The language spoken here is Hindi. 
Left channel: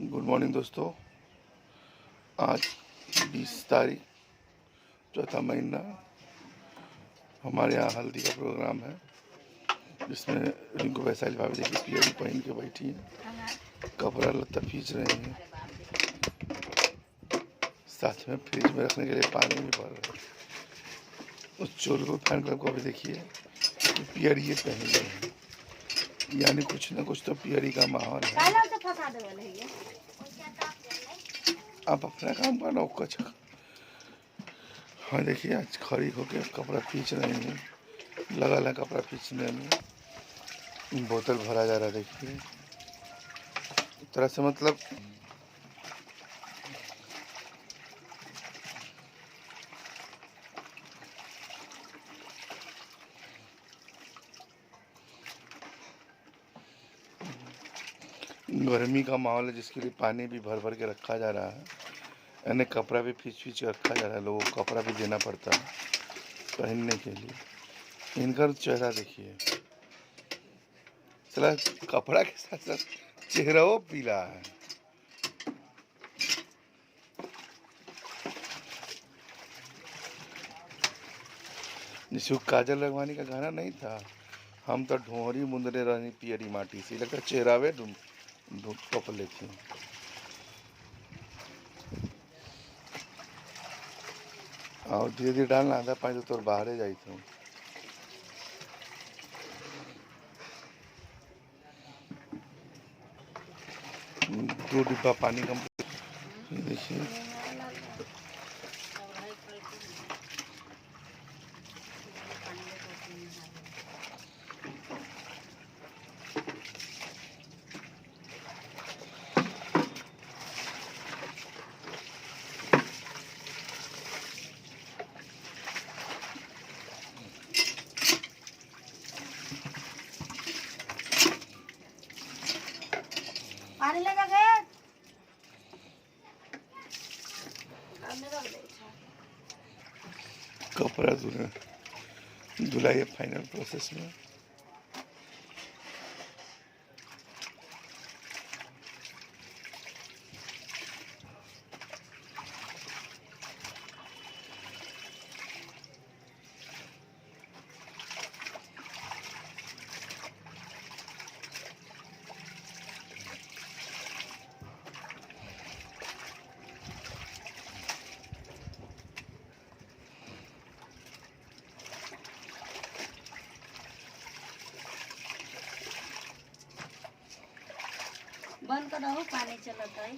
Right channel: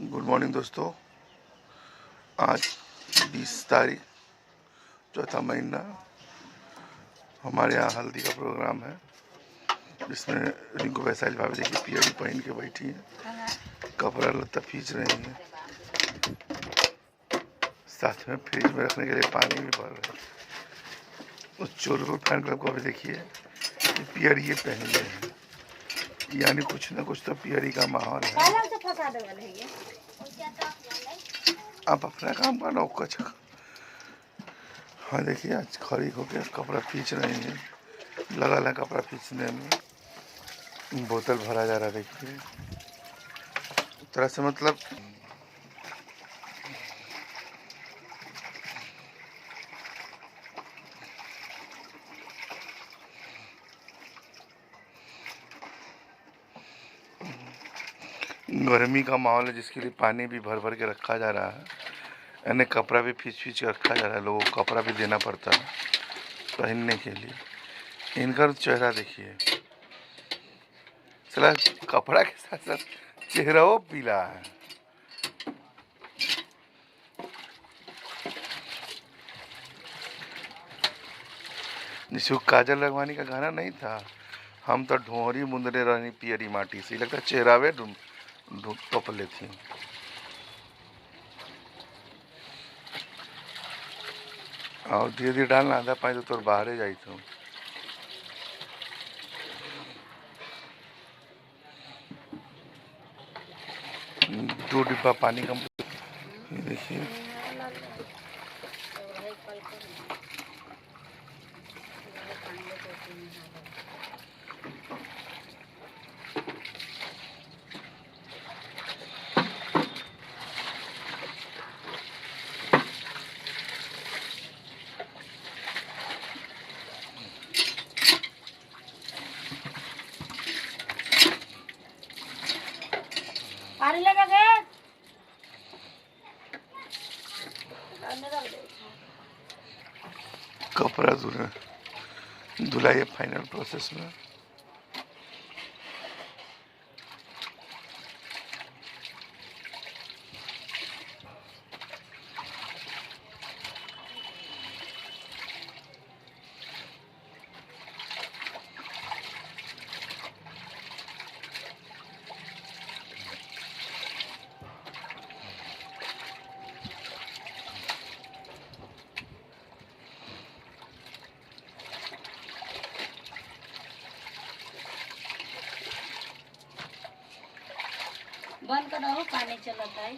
गुड मॉर्निंग दोस्तों। आज 20 तारीख चौथा महीना हमारे यहाँ हल्दी का प्रोग्राम है, जिसमें रिंकू वैशाली भाभी देखिए पियरी पहन के बैठी हैं, कपड़ा लत्ता खींच रही हैं, साथ में फ्रिज में रखने के लिए पानी भी भर रहे हैं। उस चोर फैन क्लब को भी देखिए पियरी ये पहन लिए हैं, यानी कुछ ना कुछ तो पियरी का माहौल है। आप अपना काम करना कुछ। हाँ देखिए आज खड़ी होकर कपड़ा खींच रहे हैं, लगा है कपड़ा खींचने में। बोतल भरा जा रहा है देखिए, तरह से मतलब गर्मी का माहौल है, जिसके लिए पानी भी भर भर के रखा जा रहा है, यानी कपड़ा भी खींच खींच के रखा जा रहा है। लोगों को कपड़ा भी देना पड़ता है पहनने के लिए। इनका चेहरा देखिए, चला कपड़ा के साथ साथ चेहरा वो पीला है। जिसको काजल लगवानी का गाना नहीं था, हम तो ढोरी मुंदरे रहनी पियरी माटी से, लगता चेहरावे टोपले थी। और धीरे धीरे डालना, आधा पानी तो तोर बाहर जाई थो। दो डिब्बा पानी का देखिए। पानी लेके दे। कपड़ा धुलाई फाइनल प्रोसेस में। बंद कर दो, पानी चलता है।